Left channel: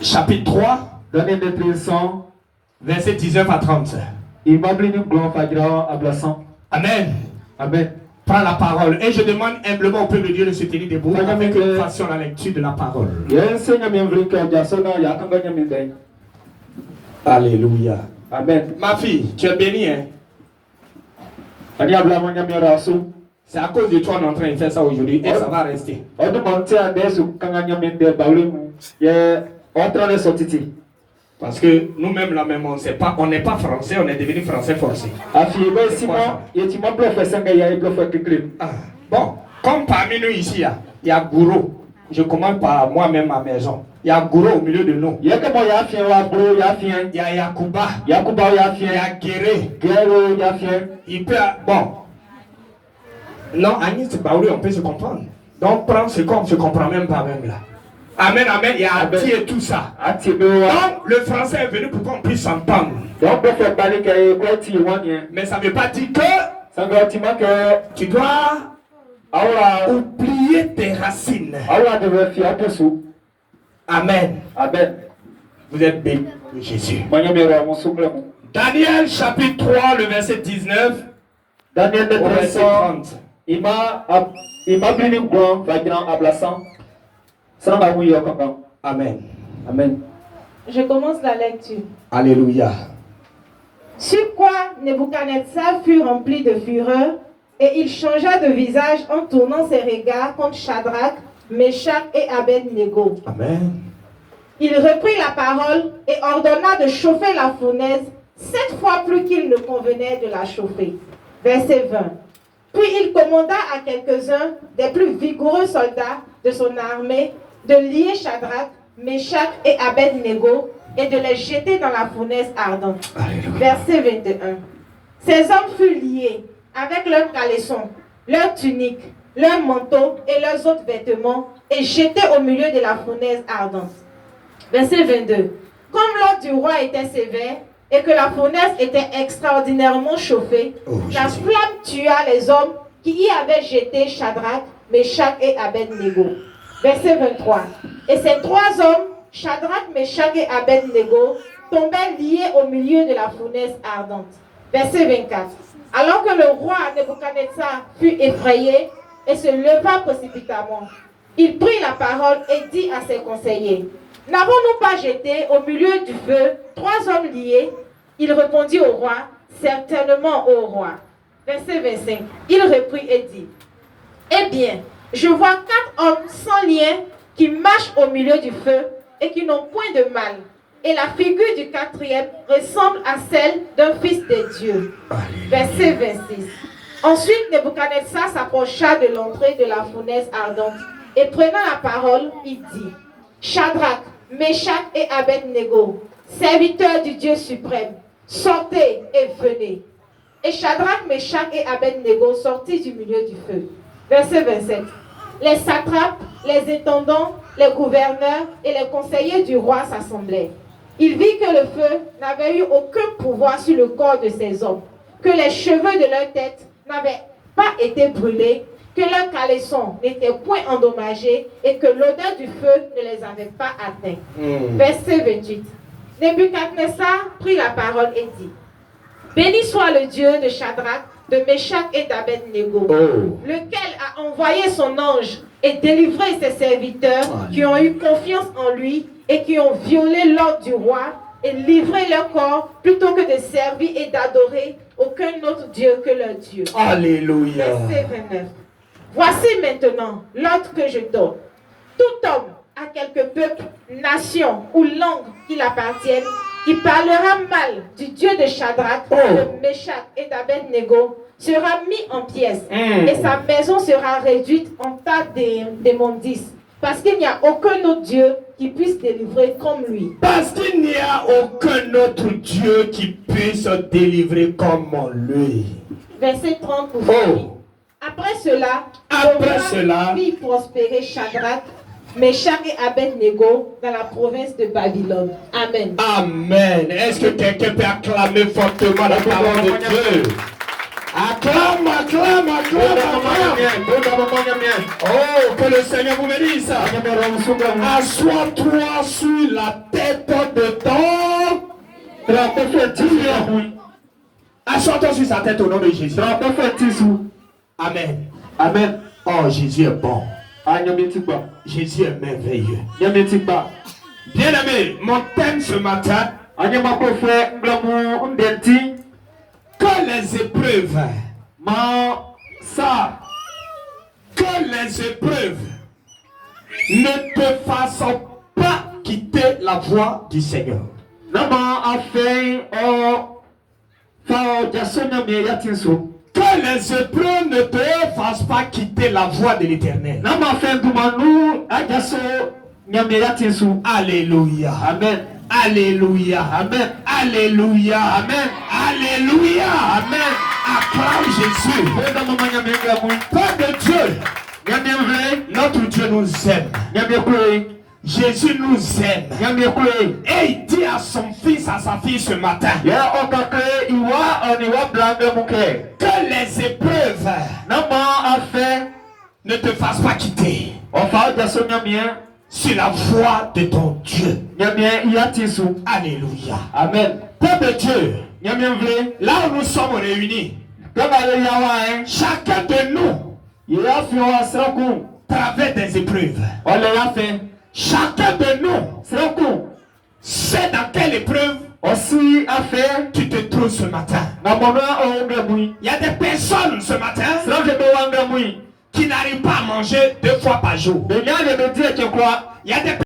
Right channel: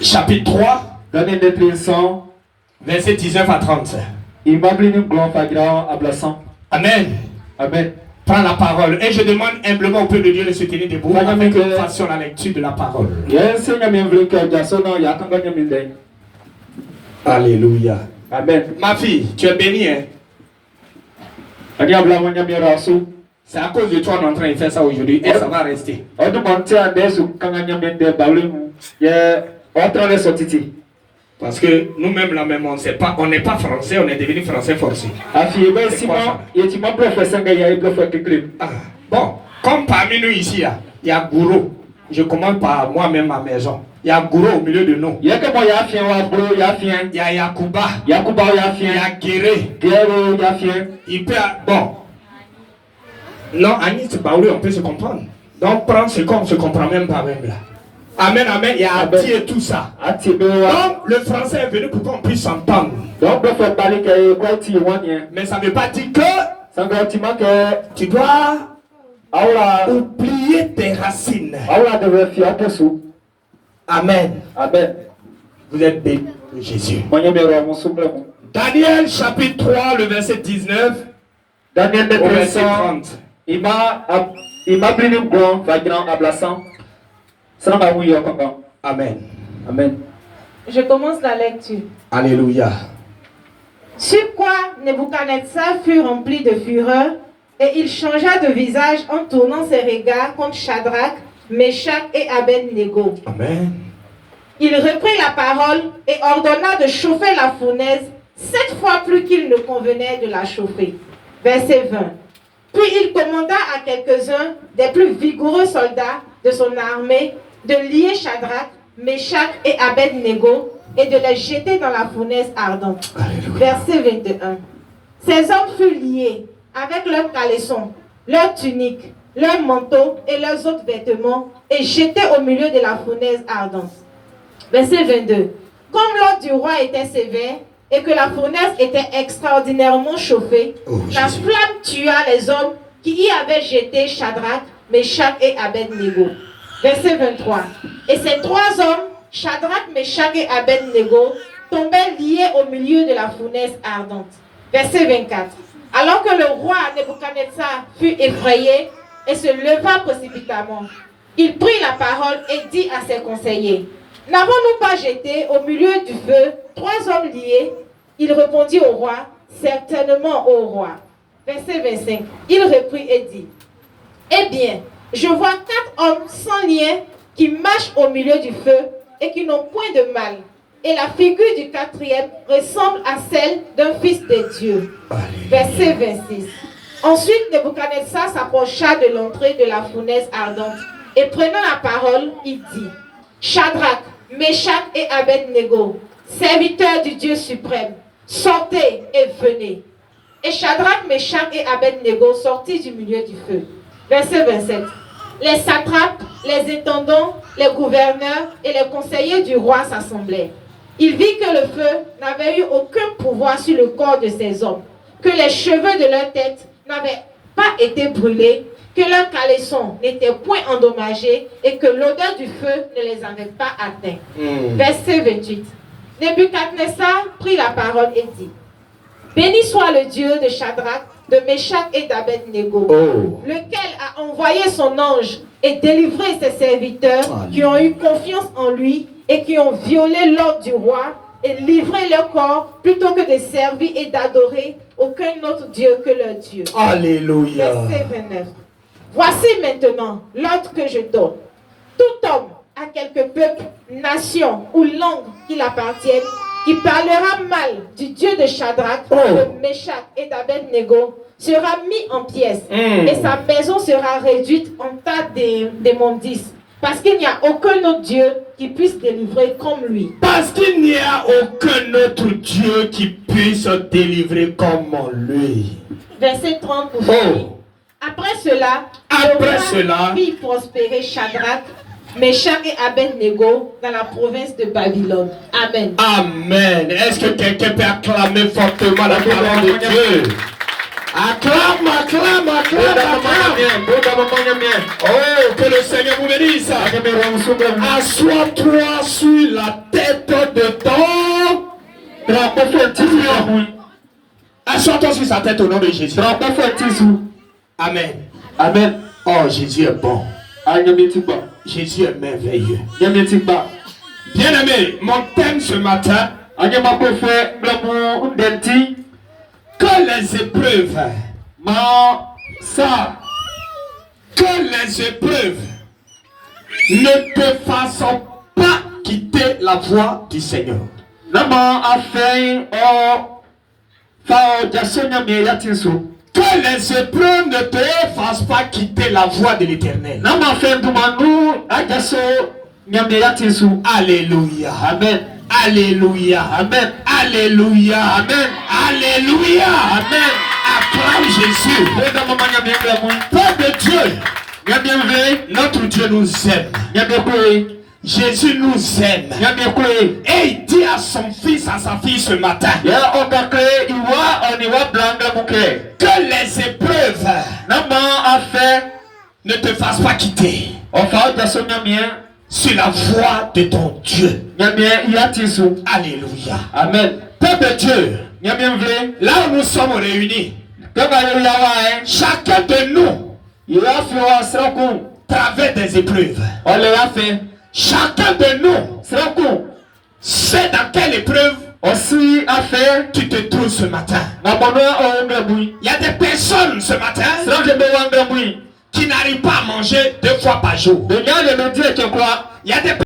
chapitre 3, Daniel de Trinson, verset 19 à 30. Imablini Glon Fagra Ablasan. Amen. Amen. Prends la parole. Et je demande humblement au peuple de Dieu de se tenir debout avec une façon la lecture de la parole. Alléluia. Amen. Ma fille, tu es bénie, hein? C'est à cause de toi qu'on est en train de faire ça aujourd'hui et ça va rester. Parce que nous-mêmes là même on n'est pas français, on est devenu français forcé. Bon, comme parmi nous ici, il y a Gouro. Je commence par moi-même ma maison. Il y a Gouro au milieu de nous. Il y a Yakuba. Il y a Guéré. Il peut... Bon. Non, Agnès Baoulé, on peut se comprendre. Donc prendre ce qu'on ne se comprend même pas même là. Amen, amen. Il y a Ati et tout ça. Donc le français est venu pour qu'on puisse s'entendre. Mais ça ne veut pas dire que tu dois oublier tes racines. Amen. Amen. Vous êtes bénis de Jésus. Daniel chapitre 3, le verset 19. Daniel de au verset 30. Amen. Amen. Je commence la lecture. Alléluia. Sur quoi Nebuchadnezzar fut rempli de fureur et il changea de visage en tournant ses regards contre Shadrach, Meshach et Abednego. Amen. Il reprit la parole et ordonna de chauffer la fournaise 7 fois plus qu'il ne convenait de la chauffer. Verset 20. Puis il commanda à quelques-uns des plus vigoureux soldats de son armée de lier Shadrach, Meshach et Abednego et de les jeter dans la fournaise ardente. Alléluia. Verset 21. Ces hommes furent liés avec leurs caleçons, leurs tuniques, leurs manteaux et leurs autres vêtements et jetés au milieu de la fournaise ardente. Verset 22. Comme l'ordre du roi était sévère et que la fournaise était extraordinairement chauffée, la flamme tua les hommes qui y avaient jeté Shadrach, Meshach et Abednego. Verset 23. Et ces 3 hommes, Shadrach, Meshach et Abednego, tombèrent liés au milieu de la fournaise ardente. Verset 24. Alors que le roi Nebuchadnezzar fut effrayé et se leva précipitamment, il prit la parole et dit à ses conseillers: N'avons-nous pas jeté au milieu du feu 3 hommes liés? Il répondit au roi: Certainement, ô roi. Verset 25. Il reprit et dit: Eh bien, je vois 4 hommes sans lien qui marchent au milieu du feu et qui n'ont point de mal. Et la figure du 4e ressemble à celle d'un fils de Dieu. Verset 26. Ensuite, Nebuchadnezzar s'approcha de l'entrée de la fournaise ardente et prenant la parole, il dit: Shadrach, Meshach et Abednego, serviteurs du Dieu suprême, sortez et venez. Et Shadrach, Meshach et Abednego sortirent du milieu du feu. Verset 27. Les satrapes, les intendants, les gouverneurs et les conseillers du roi s'assemblèrent. Il vit que le feu n'avait eu aucun pouvoir sur le corps de ces hommes, que les cheveux de leur tête n'avaient pas été brûlés, que leurs caleçons n'étaient point endommagés et que l'odeur du feu ne les avait pas atteints. Verset 28. Nebuchadnezzar prit la parole et dit: Béni soit le Dieu de Shadrach, de Meshach et d'Abednego, lequel a envoyé son ange et délivré ses serviteurs qui ont eu confiance en lui et qui ont violé l'ordre du roi et livré leur corps plutôt que de servir et d'adorer aucun autre Dieu que leur Dieu. Alléluia. Verset 29. Voici maintenant l'ordre que je donne. Tout homme à quelque peuple, nation ou langue qu'il appartienne, qui parlera mal du Dieu de Shadrach, de Meshach et d'Abednego, sera mis en pièces et sa maison sera réduite en tas d'immondices. Parce qu'il n'y a aucun autre Dieu qui puisse délivrer comme lui. Parce qu'il n'y a aucun autre Dieu qui puisse délivrer comme lui. Verset 30. Après cela, fit prospérer Shadrach, Meshach et Abednego dans la province de Babylone. Amen. Amen. Est-ce que quelqu'un peut acclamer fortement la parole de Dieu? Acclame, acclame, acclame, acclame. Oh, que le Seigneur vous bénisse. Assois-toi sur la tête de ton. Assois-toi sur sa tête au nom de Jésus. Amen. Amen. Oh, Jésus est bon. Jésus est merveilleux. Bien-aimé, mon thème ce matin, que les épreuves, ne te fassent pas quitter la voie du Seigneur. Que les épreuves ne te fassent pas quitter la voie de l'Éternel. Alléluia. Amen. Alléluia. Amen. Alléluia. Amen. Alléluia. Amen. Acclame Jésus. Peuple de Dieu, notre Dieu nous aime. Jésus nous aime. Et il dit à son fils, à sa fille ce matin, que les épreuves ne te fassent pas quitter sur la voie de ton Dieu. Alléluia. Amen. Peuple de Dieu, là où nous sommes réunis, chacun de nous traverse des épreuves. Chacun de nous sait dans quelle épreuve tu te trouves ce matin. Il y a des personnes ce matin qui n'arrivent pas à manger 2 fois par jour. Il y a des